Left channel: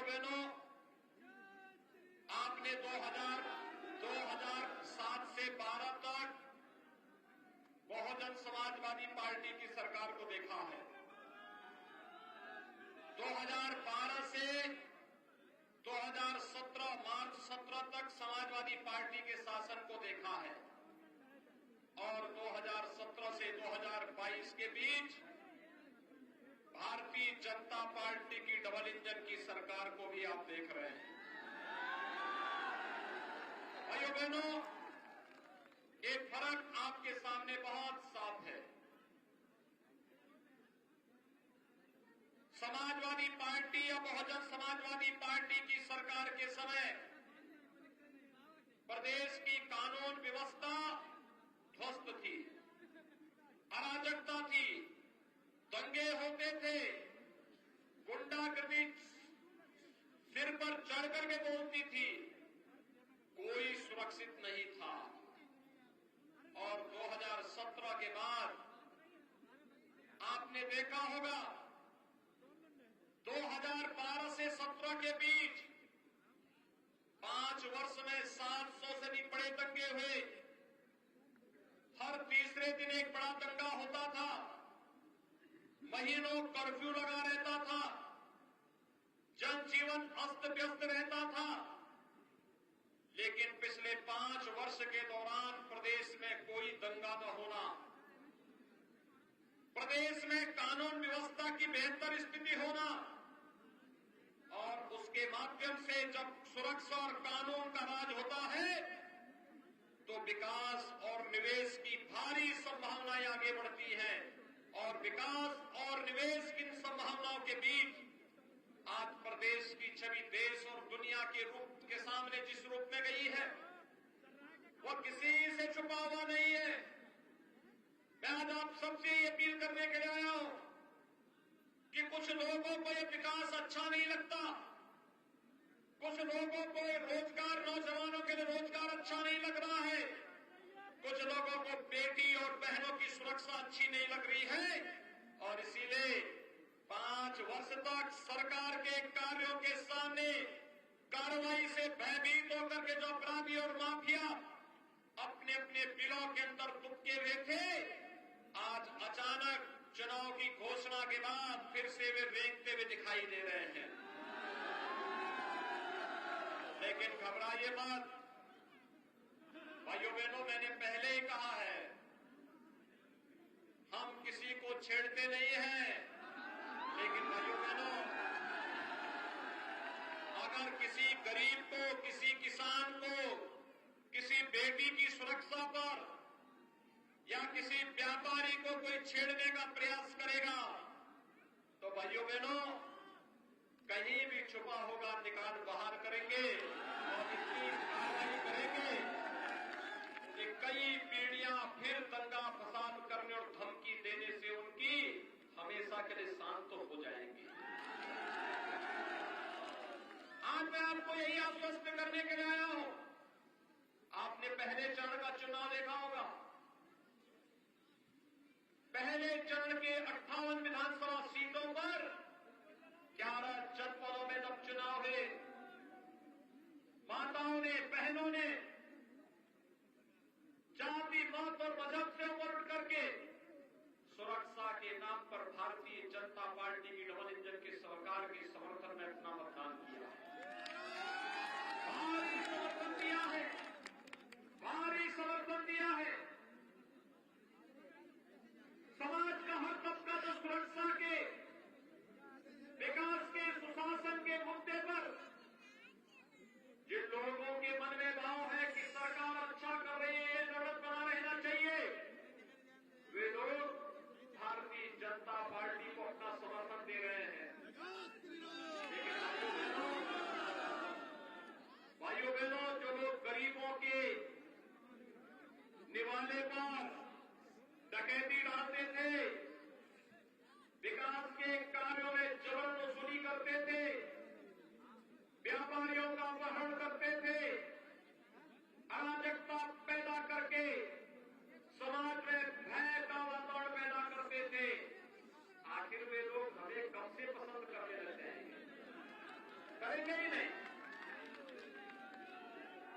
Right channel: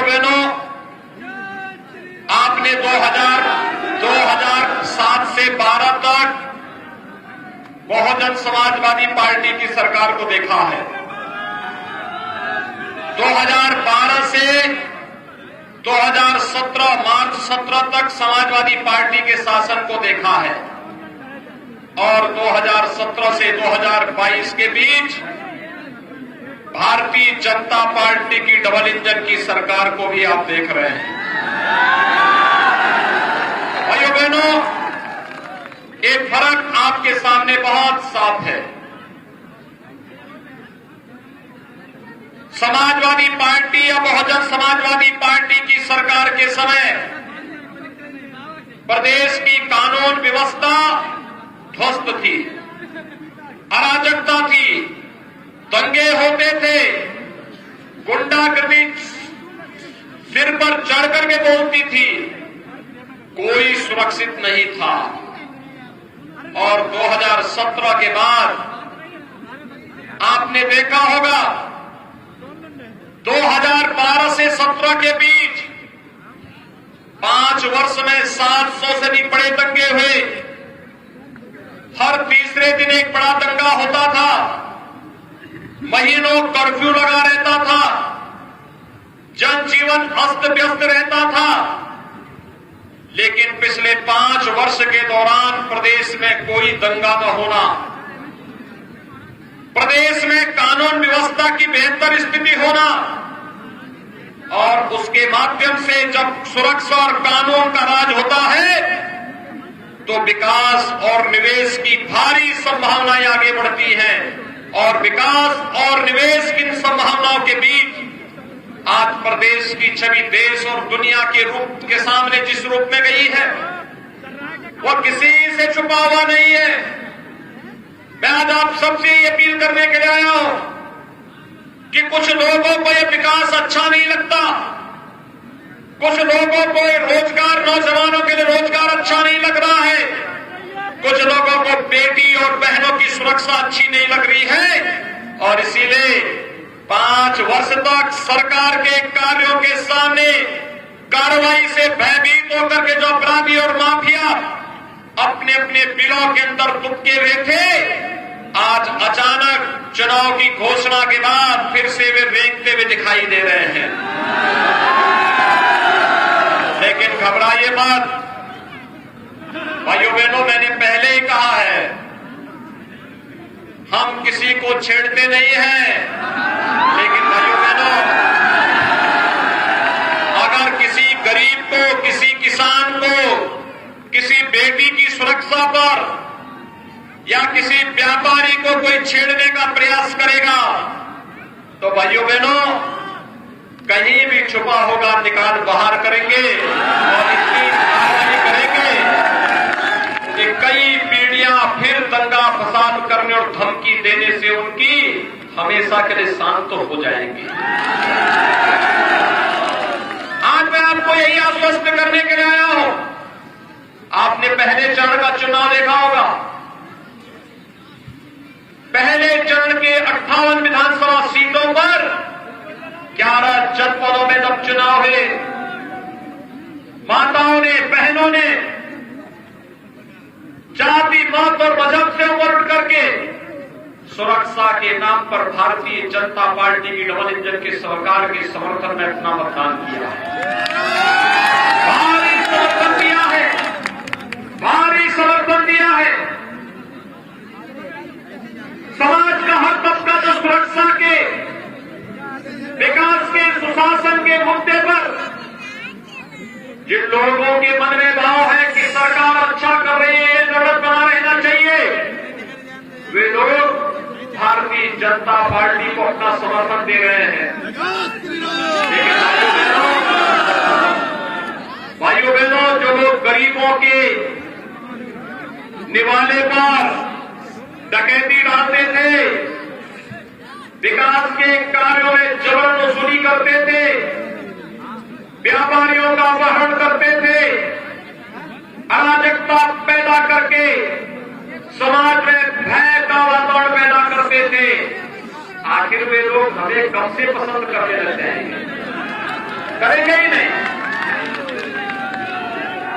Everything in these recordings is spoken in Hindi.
भाइयों बहनों, आपने 2007 से 12 तक बहुजन समाजवादी पार्टी की सरकार को देखा है। 2012 से 2017 मार्च 17 तक समाजवादी पार्टी के शासन को देखा है और 2017 से 2022 के बीच भारतीय जनता पार्टी की डबल इंजन की सरकार को भी आप देख रहे हैं। भाइयों बहनों, एक फर्क आपके सामने बहुत साफ है। समाजवादी पार्टी या बहुजन समाजवादी पार्टी की सरकार के समय प्रदेश की कानून व्यवस्था ध्वस्त थी, अराजकता थी, दंगे होते थे, गुंडागर्दी सिर पर चढ़ करके बोलती थी, कोई सुरक्षित नहीं था। और 2017 के बाद आपने देखा होगा 2012 से 17 के बीच 5 वर्ष में 700 से भी बड़े दंगे हुए। हर तीसरे दिन एक बड़ा दंगा होता था, महीनों कर्फ्यू लगा रहता था, जनजीवन अस्त व्यस्त रहता था। लेकिन पिछले 5 वर्ष के दौरान प्रदेश में कोई दंगा न होना, प्रदेश में कानून व्यवस्था की बेहतर स्थिति होना और उसके माध्यम से जब सुरक्षा और कानून का राज होता है तो विकास और निवेश की भारी संभावनाएं आगे बढ़ती हैं। और विकास और निवेश की इन संभावनाओं के बीच आज प्रदेश की छवि देश और दुनिया के रूप के सामने जिस रूप में गई है वो किसी से छुपा हुआ नहीं है। मैं आज आप सबसे ये अपील करने के लिए आया हूं कि कुछ लोगों को ये विकास अच्छा नहीं लगता, कुछ लोगों को ये रोजगार, नौजवानों के लिए रोजगार अच्छा नहीं लग रहा है, कुछ लोगों को बेटी और बहनों की सुरक्षा अच्छी नहीं लग रही है और इसीलिए 5 वर्ष तक सरकार के कार्यों के सामने कार्रवाई से भयभीत होकर के जो अपराधी और माफिया अपने अपने बिलों के अंदर दुबके हुए थे, आज अचानक चुनाव की घोषणा के बाद फिर से वे रेंगते हुए दिखाई दे रहे हैं। लेकिन घबराइए मत भाइयों बहनों, मैंने पहले ही कहा है हम किसी को छेड़ते नहीं हैं। लेकिन भाइयों बहनों, अगर किसी गरीब को, किसी किसान को, किसी बेटी की सुरक्षा पर या किसी व्यापारी को कोई छेड़ने का प्रयास करेगा तो भाइयों बहनों कहीं भी छुपा होगा निकाल बाहर करेंगे और इतनी कार्रवाई करेंगे कि कई पीढ़ियां फिर दंगा फसाद करने और धमकी देने से उनकी हमेशा के लिए शांत हो जाएंगी। आज मैं आपको यही आश्वस्त करने के लिए आया हूं। आपने पहले चरण का चुनाव देखा होगा। पहले चरण के 58 विधानसभा सीटों पर 11 जनपदों में जब चुनाव हुए, माताओं ने, बहनों ने जाति, मत और मजहब से ऊपर उठ करके सुरक्षा के नाम पर भारतीय जनता पार्टी की डबल इंजन की सरकार के समर्थन में अपना मतदान किया है। भारी समर्थन दिया है, भारी समर्थन दिया है। समाज का हर तबका जो सुरक्षा के, विकास के, सुशासन के मुद्दे पर जिन लोगों के मन में भाव है कि सरकार अच्छा कर रही है, जरूरत बना रहना चाहिए, वे लोग भारतीय जनता पार्टी को अपना समर्थन दे रहे हैं। लेकिन भाइयों बहनों, जो लोग गरीबों के निवाले पर डकैती डालते थे, विकास के कार्यों में जबरन वसूली करते थे, व्यापारियों का अपहरण करते थे, अराजकता पैदा करके समाज में भय का वातावरण पैदा करते थे, आखिर वे लोग हमें कब से पसंद करने लग जाएंगे? करेंगे ही नहीं।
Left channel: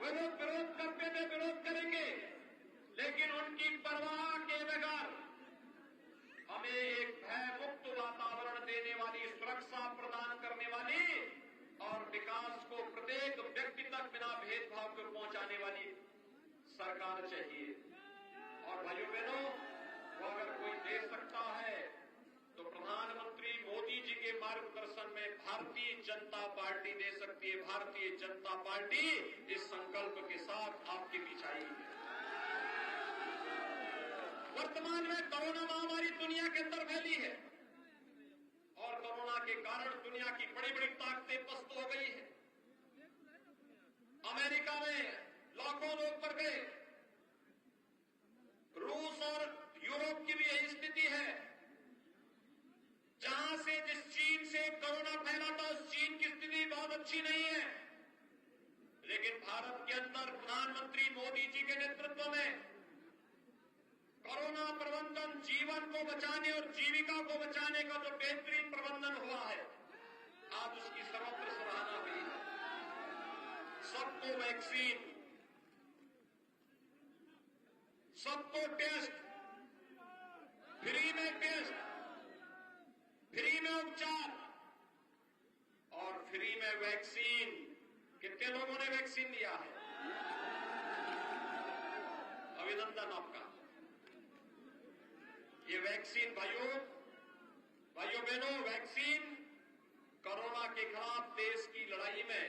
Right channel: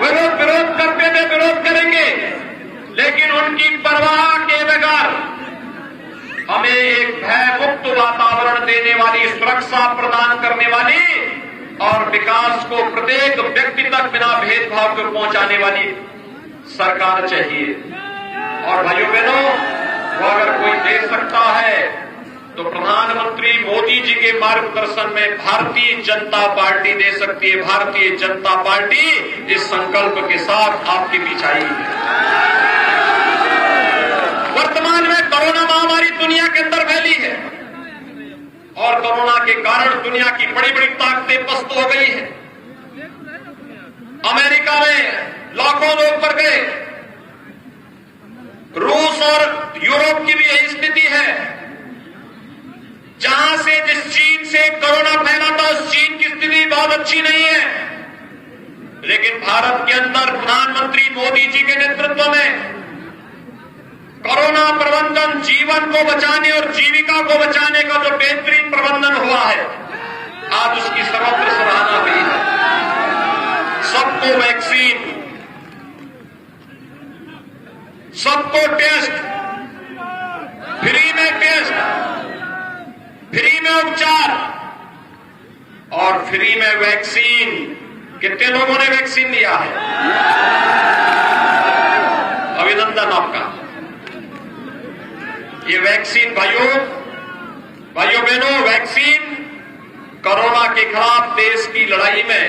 विरोध करते थे, विरोध करेंगे, लेकिन उनकी परवाह के बगैर हमें एक भय मुक्त वातावरण देने वाली, सुरक्षा प्रदान करने वाली और विकास को प्रत्येक व्यक्ति तक बिना भेदभाव के पहुंचाने वाली सरकार चाहिए। और भाइयों बहनों, वो अगर कोई दे सकता है तो प्रधानमंत्री मोदी जी के मार्गदर्शन में भारतीय जनता पार्टी दे सकती है। भारतीय जनता पार्टी इस संकल्प के साथ आपके बीच आई है। वर्तमान में कोरोना महामारी दुनिया के अंदर फैली है और कोरोना के कारण दुनिया की बड़ी बड़ी ताकतें पस्त हो गई है। अमेरिका में लाखों लोग मर गए, रूस और यूरोप की भी यही स्थिति है। जहां से जिस चीन से कोरोना फैला था उस चीन की स्थिति बहुत अच्छी नहीं है, लेकिन भारत के अंदर प्रधानमंत्री मोदी जी के नेतृत्व में कोरोना प्रबंधन, जीवन को बचाने और जीविका को बचाने का जो बेहतरीन प्रबंधन हुआ है, आज उसकी सर्वत्र सराहना हुई है। सबको वैक्सीन, सबको टेस्ट, फ्री में टेस्ट, फ्री में उपचार और फ्री में वैक्सीन। कितने लोगों ने वैक्सीन लिया है? अभिनंदन आपका। ये वैक्सीन भाइयों बहनों, वैक्सीन कोरोना के खिलाफ देश की लड़ाई में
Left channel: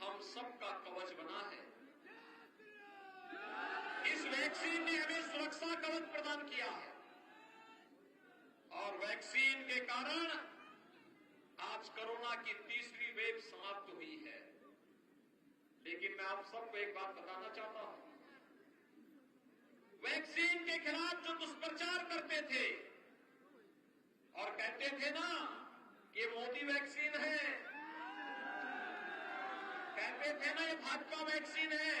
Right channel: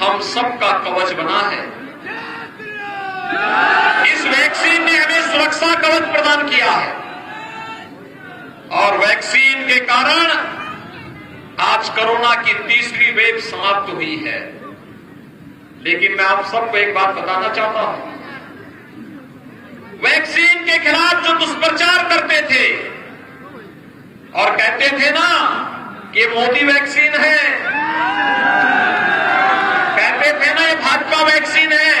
हम सबका कवच बना है। इस वैक्सीन ने हमें सुरक्षा कवच प्रदान किया है और वैक्सीन के कारण आज कोरोना की तीसरी वेव समाप्त हुई है। लेकिन मैं आप सबको एक बात बताना चाहता हूं, वैक्सीन के खिलाफ जो दुष्प्रचार करते थे और कहते थे ना कि मोदी वैक्सीन है, कहते थे ना ये भाजपा वैक्सीन है,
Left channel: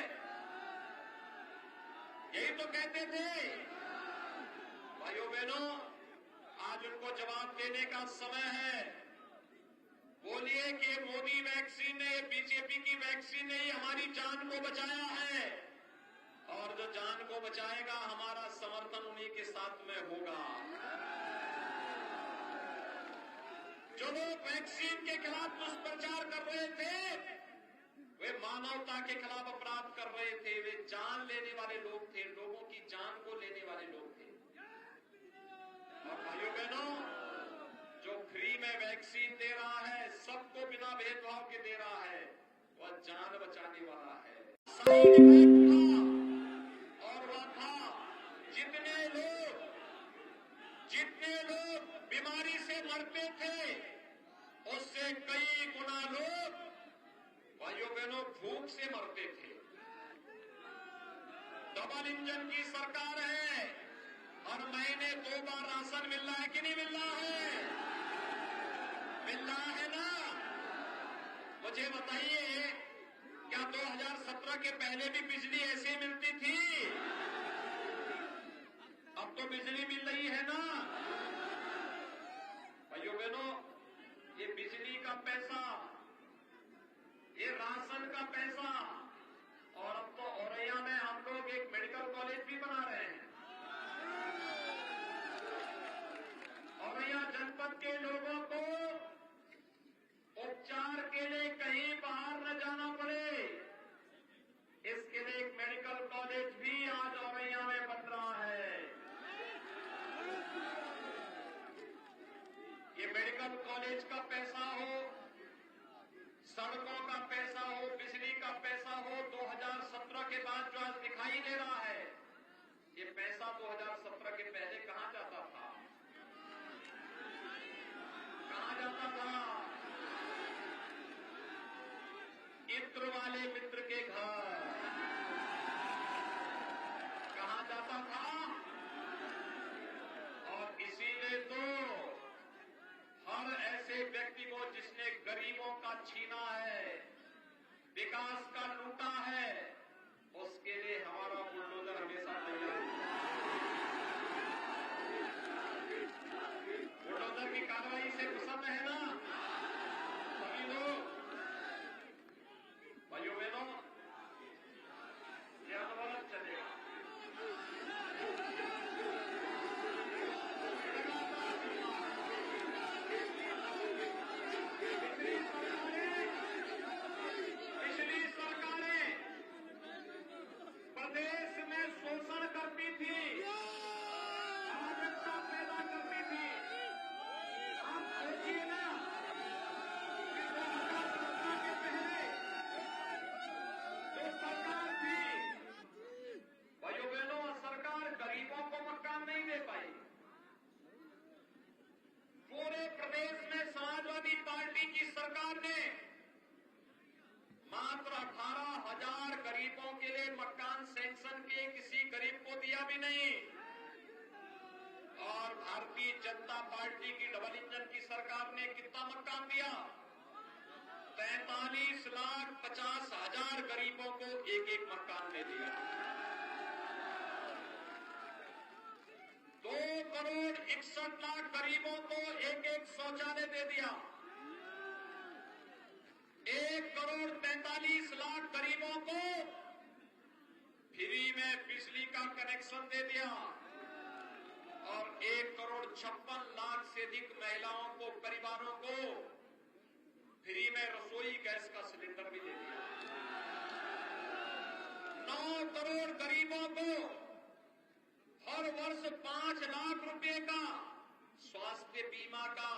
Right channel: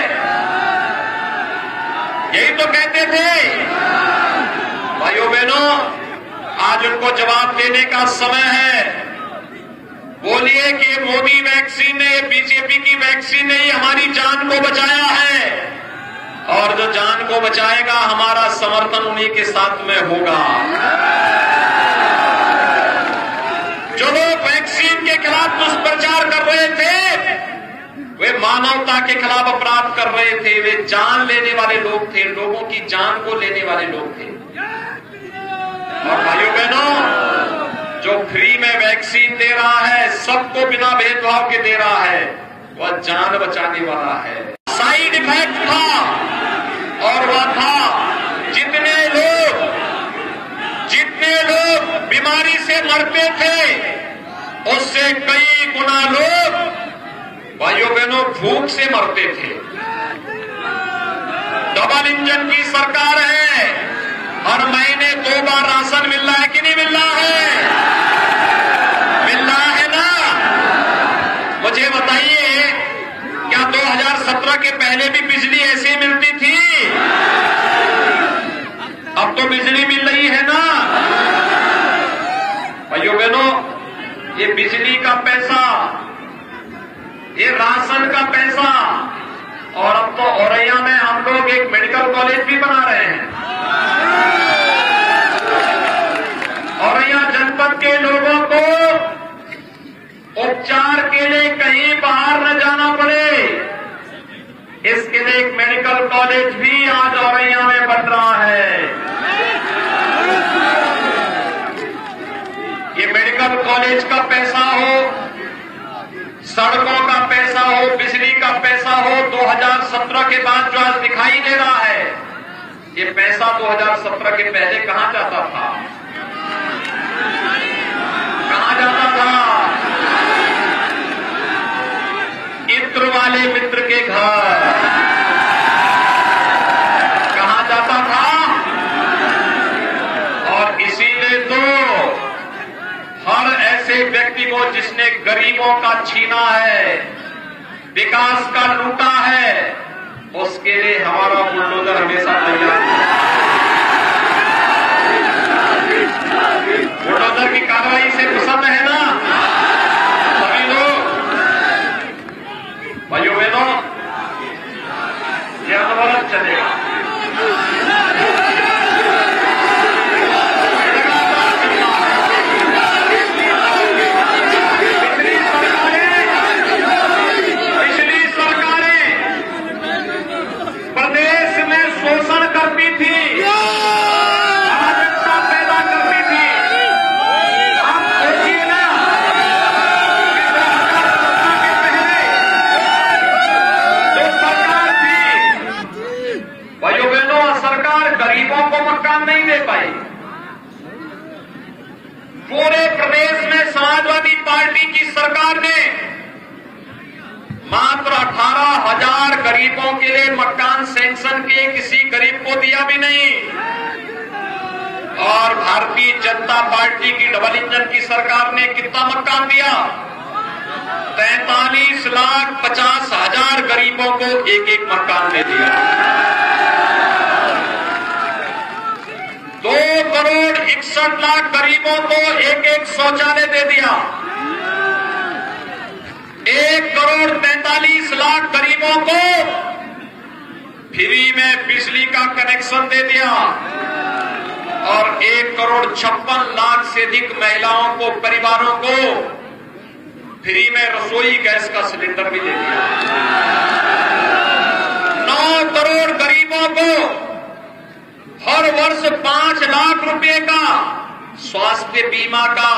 यही तो कहते थे। भाइयों बहनों, आज उनको जवाब देने का समय है। बोलिए कि मोदी वैक्सीन ने, बीजेपी की वैक्सीन ने ही हमारी जान को बचाया है और जो जान को बचाएगा हमारा समर्थन उन्हीं के साथ में होगा। जो लोग वैक्सीन के खिलाफ दुष्प्रचार कर रहे थे, वे मानवता के खिलाफ अपराध कर रहे थे, वे जान लेने वाले लोग थे, लोगों की जान को लेने वाले लोग थे। और भाइयों बहनों, जो फ्री में वैक्सीन दे रहा है, सबको बिना भेदभाव के दे रहा है, वह जान बचाने वाला है। साइड इफेक्ट था और वह था जितने लोग बीमारी से मरते थे उससे कई गुना लोग भाइयों बहनों भूख से मरते थे। डबल इंजन की सरकार है, हर महीने 2 बार राशन मिल रहा है कि नहीं मिल रहा है? मिल रहा है ना? मुझे बताइए, क्या 2017 के पहले भी बिजली ऐसे मिलती थी? अब तो बिजली मिल रही है ना? भाइयों बहनों, ये बिजली का पैसा, ये राशन का पैसा, और अब तो औरैया में हम लोग एक मेडिकल कॉलेज भी बना रहे हैं। औरैया जनपद के लोगों को उपचार के लिए कहीं बाहर न जाना पड़े, इसके लिए एक मेडिकल कॉलेज भी आज औरैया में बन रहा है। ये मेडिकल कॉलेज का पैसा हो, सड़कों का पैसा हो, बिजली का पैसा हो, 2017 के बाद जो आज दिखाई दे रहा है, ये पैसा 2017 के पहले कहां जाता था? कहां जाता था? इत्र वाले मित्र के घर कहां जाता था? और इसीलिए तो हर ऐसे व्यक्ति को जिसने गरीबों का छीना है, विकास का लूटा है, उसके लिए हमारा बुलडोजर हमेशा तैयार है। बुलडोजर की कार्रवाई से पसंद है ना सभी लोग? गरीबों के लिए मकान सैंक्शन किए, किसी गरीब को दिया भी नहीं। और भारतीय जनता पार्टी की डबल इंजन की सरकार ने कितना मकान दिया? 43,50,000 गरीबों को एक एक मकान दे दिया। 2,61,00,000 गरीबों को एक एक शौचालय दे दिया। 1,43,00,000 गरीबों को फ्री में बिजली का कनेक्शन दे दिया और 1,56,00,000 से अधिक महिलाओं को, परिवारों को फ्री में रसोई गैस का सिलेंडर भी दे दिया। 9 करोड़ गरीबों को हर वर्ष 5 लाख रुपए का स्वास्थ्य बीमा का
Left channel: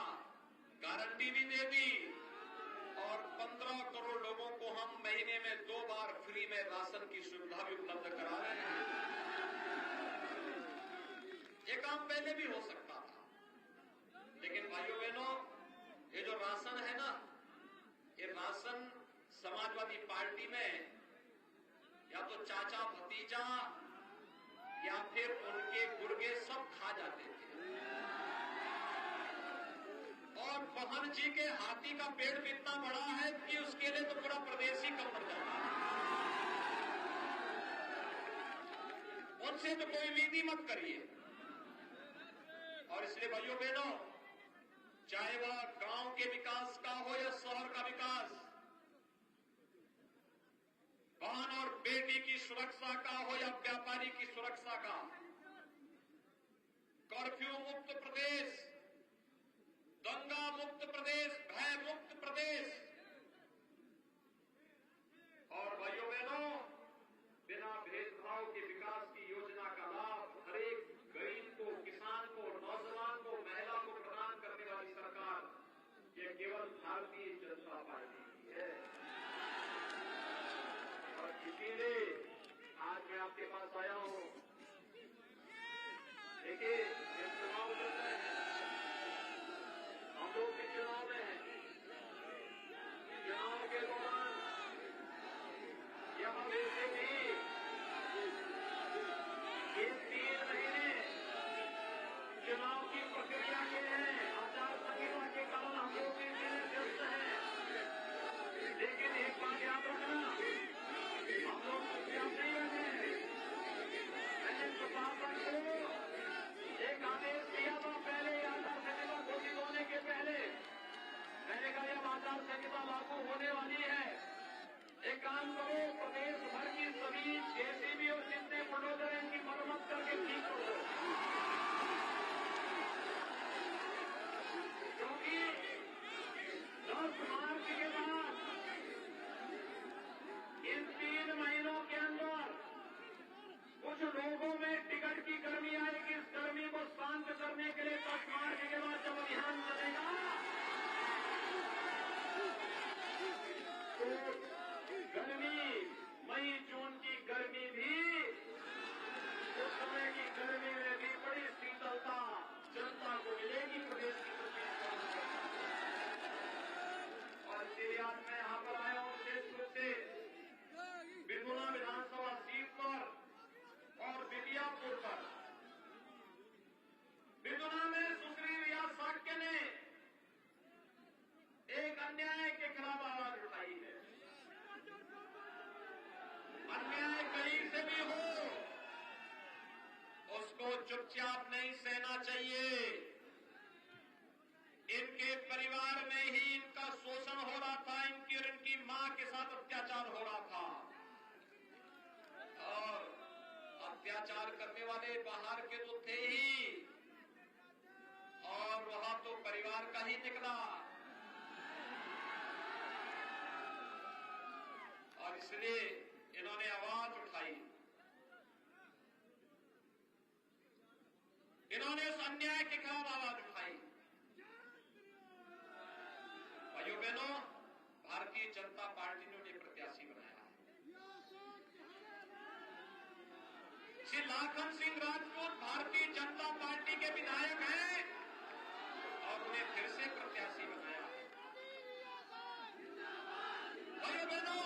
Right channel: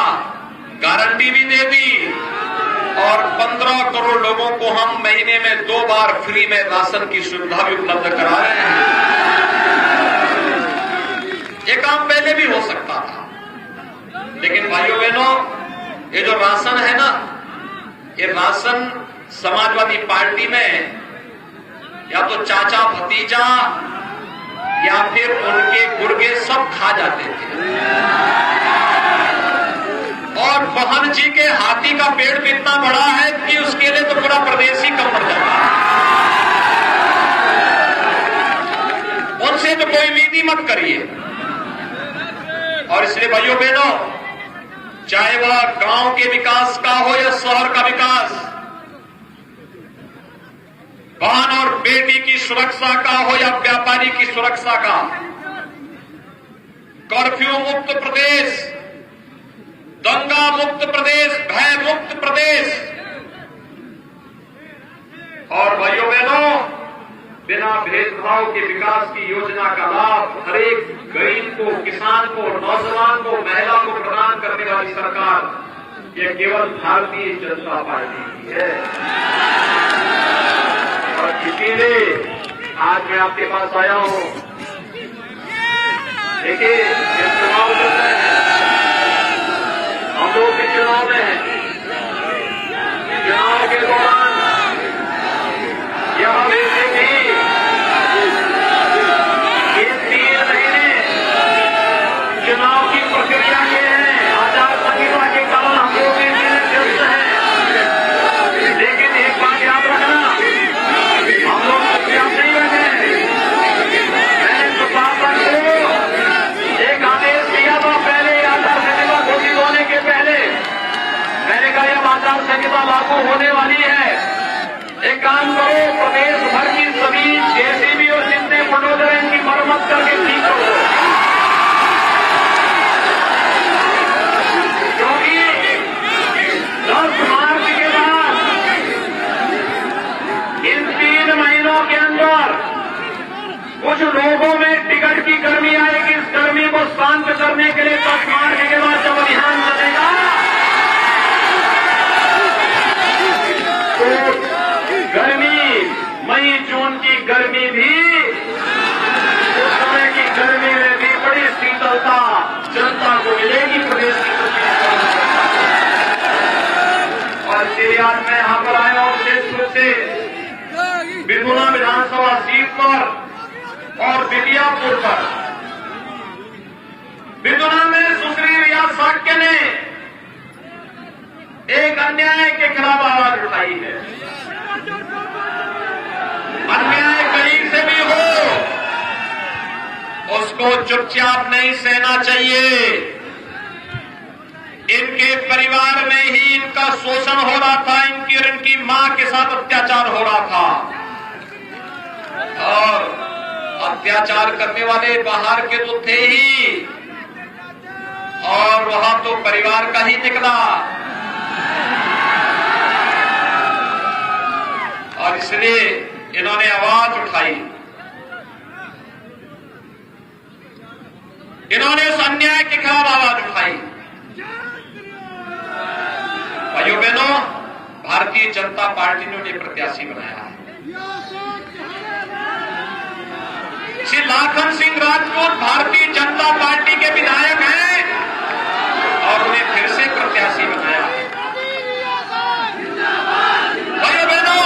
गारंटी भी दे दी और 15 करोड़ लोगों को हम महीने में 2 बार फ्री में राशन की सुविधा भी उपलब्ध करा रहे हैं। ये काम पहले भी हो सकता था, लेकिन भाइयों बहनों, ये जो राशन है ना, ये राशन समाजवादी पार्टी में या तो चाचा भतीजा या फिर उनके गुर्गे सब खा जाते थे। और बहन जी के हाथी का पेड़ भी इतना बड़ा है कि उसके लिए तो पूरा प्रदेश ही कम पड़ जाता है। उनसे तो कोई उम्मीद ही मत करिए। और इसलिए भाइयों बहनों, चाहे वह गांव के विकास का हो या शहर का विकास, बहन और बेटी की सुरक्षा का हो या व्यापारी की सुरक्षा का, कर्फ्यू मुक्त प्रदेश, दंगा मुक्त प्रदेश, भय मुक्त प्रदेश। और भाइयों बहनों, बिना भेदभाव के विकास की योजना का लाभ हर एक गरीब को, किसान को, नौजवान को, महिला को प्रदान करने वाली सरकार ये केवल भारतीय जनता पार्टी की है। और इसीलिए आज मैं आपके पास आया हूं। देखिए, ये चुनाव चल रहे हैं, हम लोग भी चुनाव में हैं। चुनाव के दौरान यह हमें भी 3 महीने चुनाव की प्रक्रिया के हैं, आचार संहिता के कारण हम लोग व्यस्त हैं। लेकिन एक बात याद रखना, हम लोग चुपचाप नहीं बैठे। मैंने प्रशासन को एक आदेश दिया था पहले आचार संहिता घोषित होने के पहले। मैंने कहा यह आचार संहिता लागू होने वाली है, एक काम करो, प्रदेश भर की सभी जेसीबी और जितने बुलडोजर हैं इनकी मरम्मत करके ठीक करो। क्योंकि 10 मार्च के बाद इन 3 महीनों के अंदर कुछ लोगों में टिकट की गर्मी आएगी। इस गर्मी को शांत करने के लिए 10 मार्च के बाद जब अभियान चलेगा तो गर्मी, मई जून की गर्मी भी, उस समय की गर्मी में भी बड़ी शीतलता जनता को मिलेगी प्रदेश की। और इसलिए आज मैं यहां पर आया हूं विशेष रूप से बिरगुना विधानसभा सीट पर और बिटियापुर पर। बिरगुना में सुश्री रिया साक्य ने एक अन्याय के खिलाफ आवाज उठाई है। अन्याय कहीं से भी हो उसको चुपचाप नहीं सहना चाहिए। इनके परिवार में ही इनका शोषण हो रहा था, इनकी और इनकी मां के साथ अत्याचार हो रहा था और अत्याचार करने वाले बाहर के तो थे ही और वहां तो परिवार का ही निकला। और इसलिए इन्होंने आवाज उठाई, इन्होंने उस अन्याय के खिलाफ आवाज उठाई। भाइयों बहनों, भारतीय जनता पार्टी ने उन्हें प्रत्याशी बनाया है। श्री लाखन सिंह राजपूत भारतीय जनता पार्टी के विधायक हैं और उन्हें फिर से प्रत्याशी बनाया है। भाइयों बहनों,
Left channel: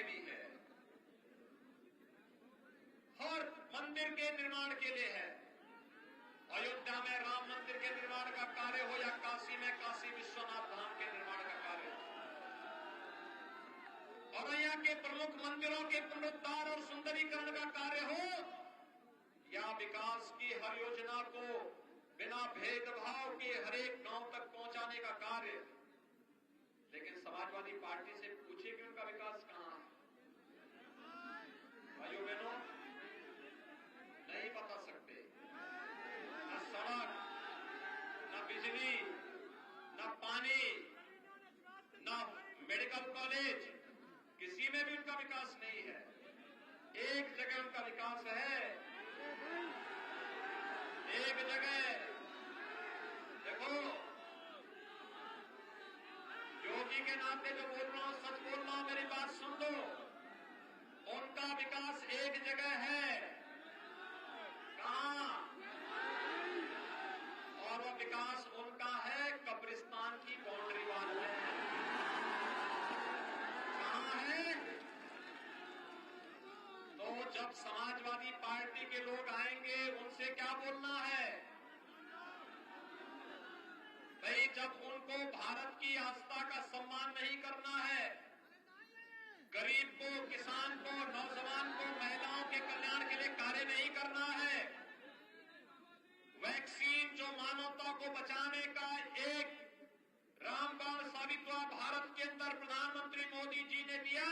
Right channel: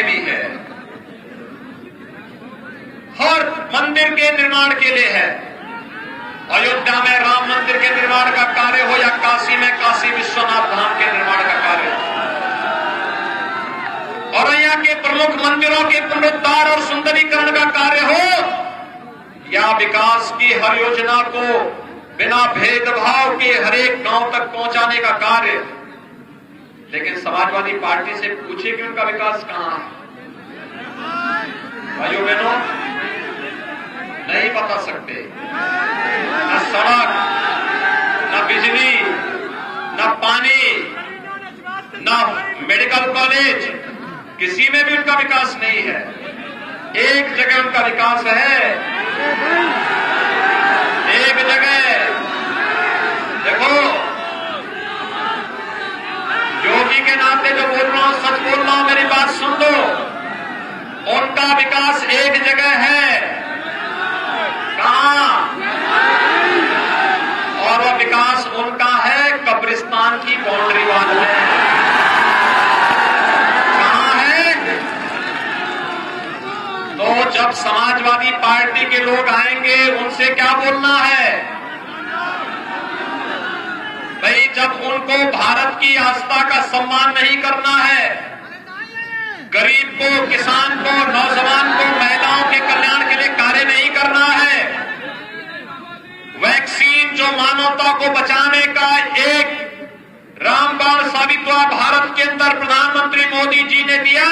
में भी है, हर मंदिर के निर्माण के लिए है। अयोध्या में राम मंदिर के निर्माण का कार्य हो या काशी में काशी विश्वनाथ धाम के निर्माण का कार्य हो, और यहाँ के प्रमुख मंदिरों के पुनरुद्धार और सुंदरीकरण का कार्य हो, या विकास की हर योजना को बिना भेदभाव के हर एक गांव तक पहुंचाने का कार्य। लेकिन समाजवादी पार्टी से पूछे कि उनका विकास कहां है? भाइयों बहनों, नहीं बता सकते। न सड़क, न बिजली, न पानी, न मेडिकल कॉलेज, किसी में भी उनका विकास नहीं है। एक जगह उनका विकास है, एक जगह। देखो, योगी के नाते जो बोल रहा हूं, सच बोल रहा हूं, मेरी बात सुन लो। उनका विकास एक जगह है, कहां? और वह विकास उनका है कब्रिस्तान की बाउंड्री वाल में। कहां है? तो जब समाजवादी पार्टी के लोग आएंगे, उनसे क्या बोलना है भाई? जब उनको भारत की आस्था का सम्मान नहीं करना है, गरीब को, किसान को, नौजवान को, महिलाओं के कल्याण के लिए कार्य नहीं करना है, वैक्सीन जो मानवता को बचाने का एक रामबाण साबित हुआ भारत के अंदर प्रधानमंत्री मोदी जी ने दिया,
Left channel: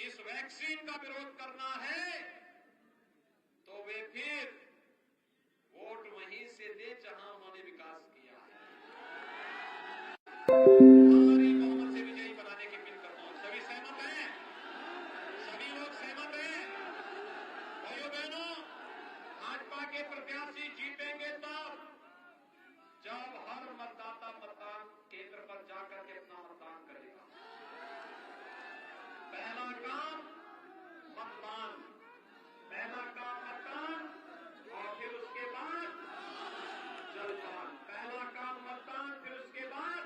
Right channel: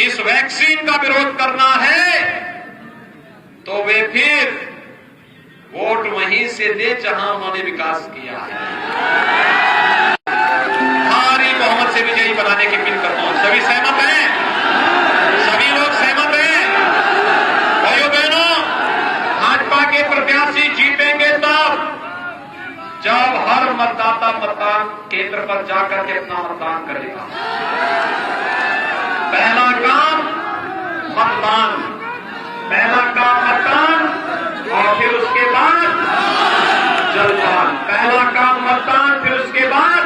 इस वैक्सीन का विरोध करना है तो वे फिर वोट वहीं से दे जहां उन्होंने विकास किया है। भारी बहुमत से विजयी बनाने की अपील करता हूं। सभी सहमत हैं? सभी लोग सहमत हैं? भाइयों बहनों, भाजपा के प्रत्याशी जीतेंगे तब जब हर मतदाता मतदान केंद्र पर जाकर के अपना मतदान करेगा। पहला काम मतदान, पहला काम मतदान, और फिर उसके बाद जलपान। पहला काम मतदान, फिर उसके बाद